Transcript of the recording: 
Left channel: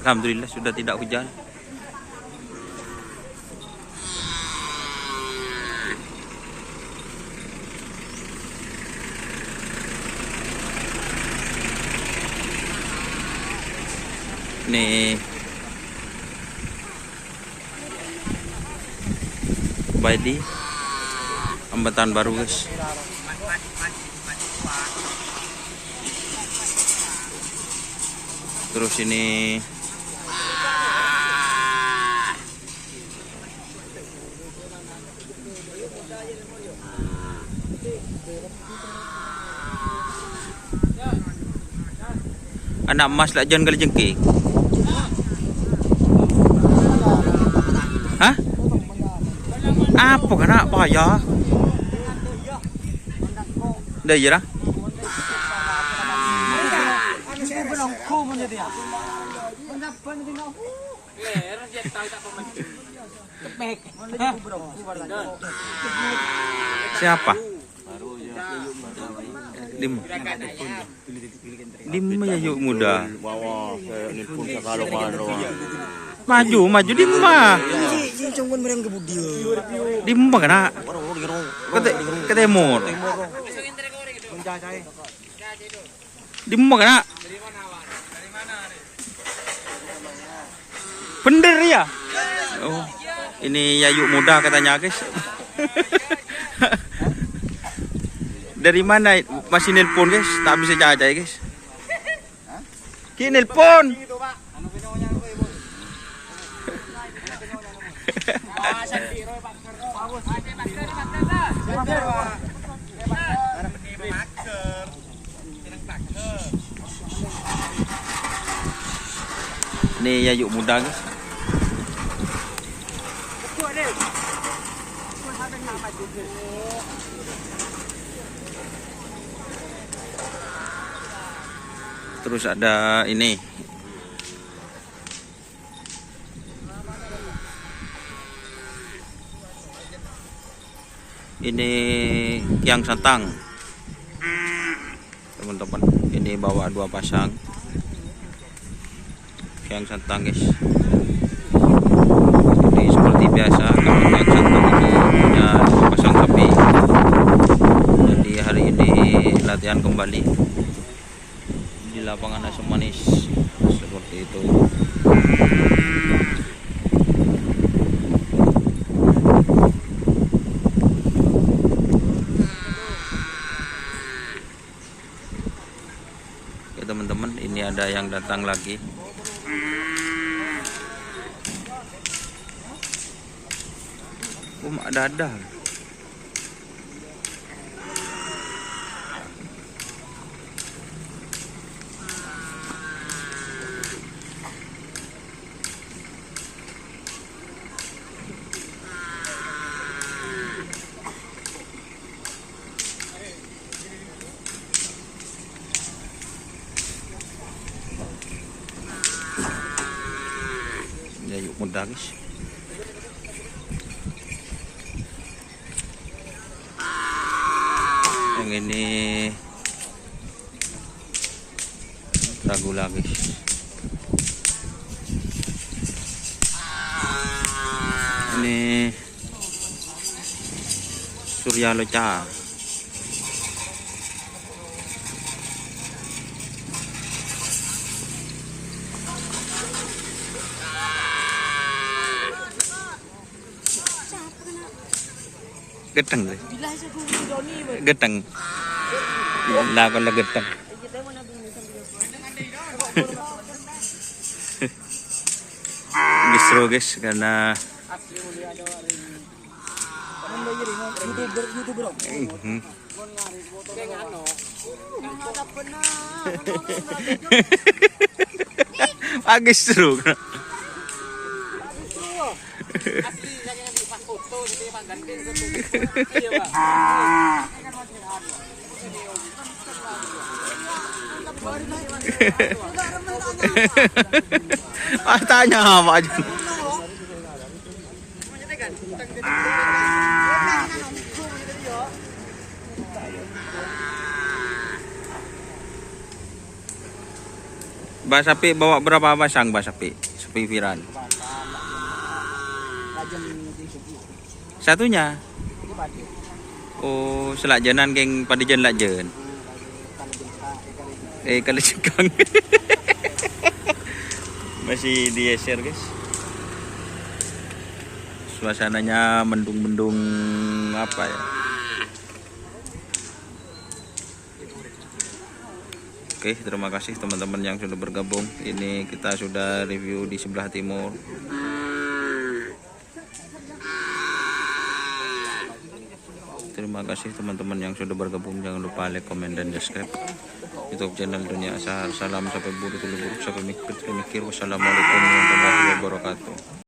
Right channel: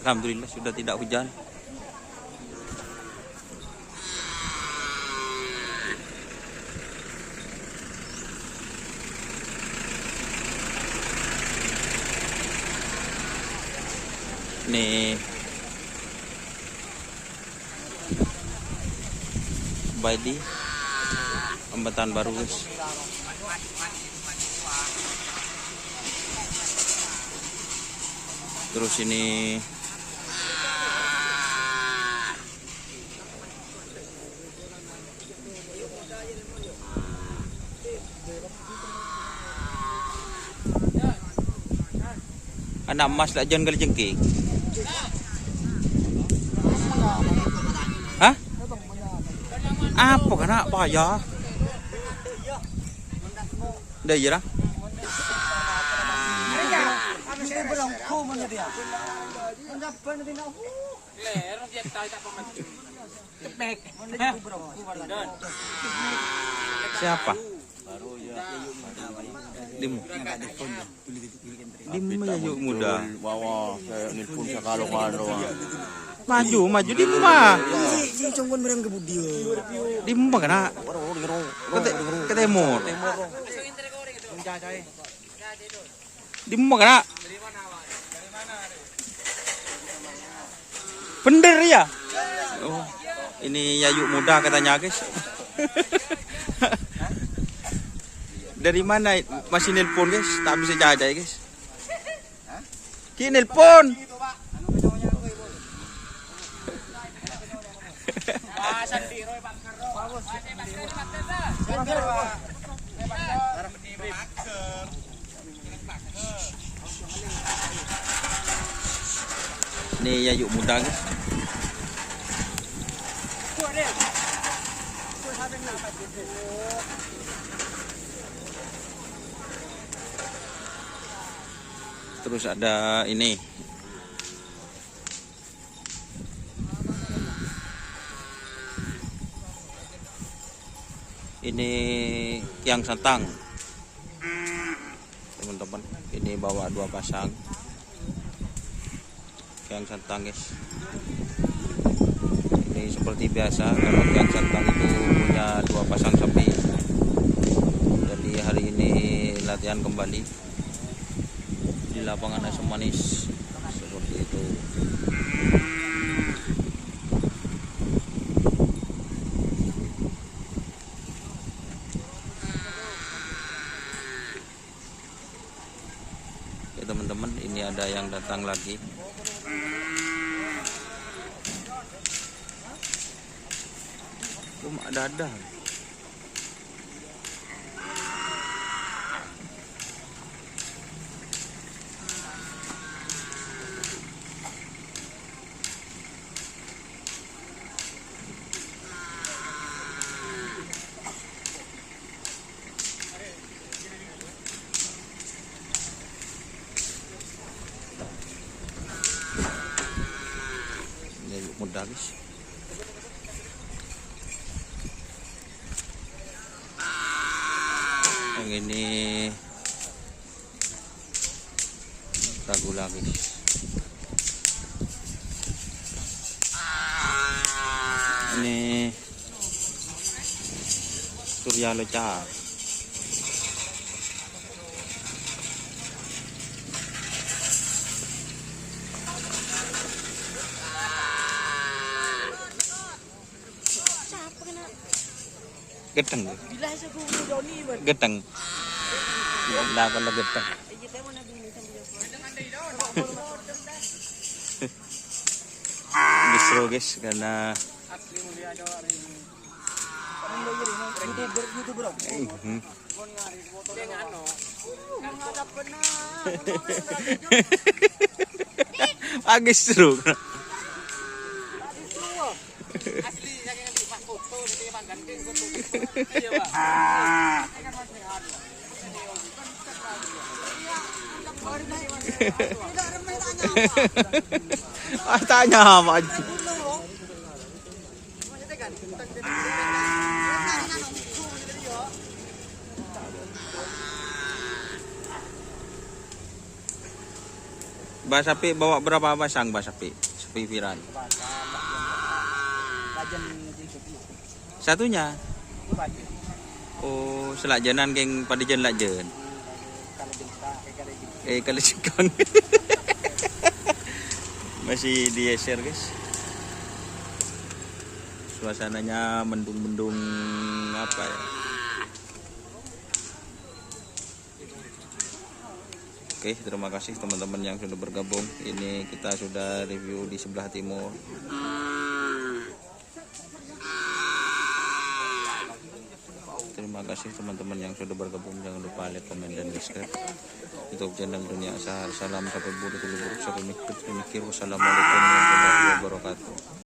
Alhamdulillah sudah tidak hujan. Nih Baidi Ambatan Baru guys. Terus ini anak emas lah jangan kali jengking. Hah? Apa kena apa ya? Dah ya lah. Siapa? Dim ya yuk muda. Maju Dimma. Dimma kena. Ketemur. Dimma kena. Bener ya? Oh, ini Yayu muda katanya guys. Dari mana masih nelpon guys? Tak bisa jaga guys. Dia nelpon. Ini Yayu muda guys. Terus ada ini Kiang Santang teman-teman. Ini bawa 2 pasang Kiang Santang guys. Ini seperti biasa kalau Kiang Santang itu punya 2 pasang sapi. Jadi hari ini latihan kembali di lapangan Asam Manis seperti itu. Oke teman-teman, ini ada yang datang lagi. Ada. Ya yuk muda guys. Yang ini ragu lagi. Ini Surya Loca. Geteng deh. Geteng. Lah con là geteng. Gisro guys karena Gisro. Tanya apa aja. Mbak Sapi bawa berapa pasang Mbak Sapi? Sapi viral. Satunya. Oh, selakjanan keng padijan lakjen. Kalau cekang. Masih di share guys. Suasananya mendung-mendung apa ya? Oke, terima kasih teman-teman yang sudah bergabung. Ini kita sudah review di sebelah timur. Terima kasih teman-teman yang sudah bergabung. Jangan lupa like, komen, dan subscribe YouTube channel Dunia Asahar. Salam sampai buruk, sampai mikir. Wassalamualaikum warahmatullahi wabarakatuh.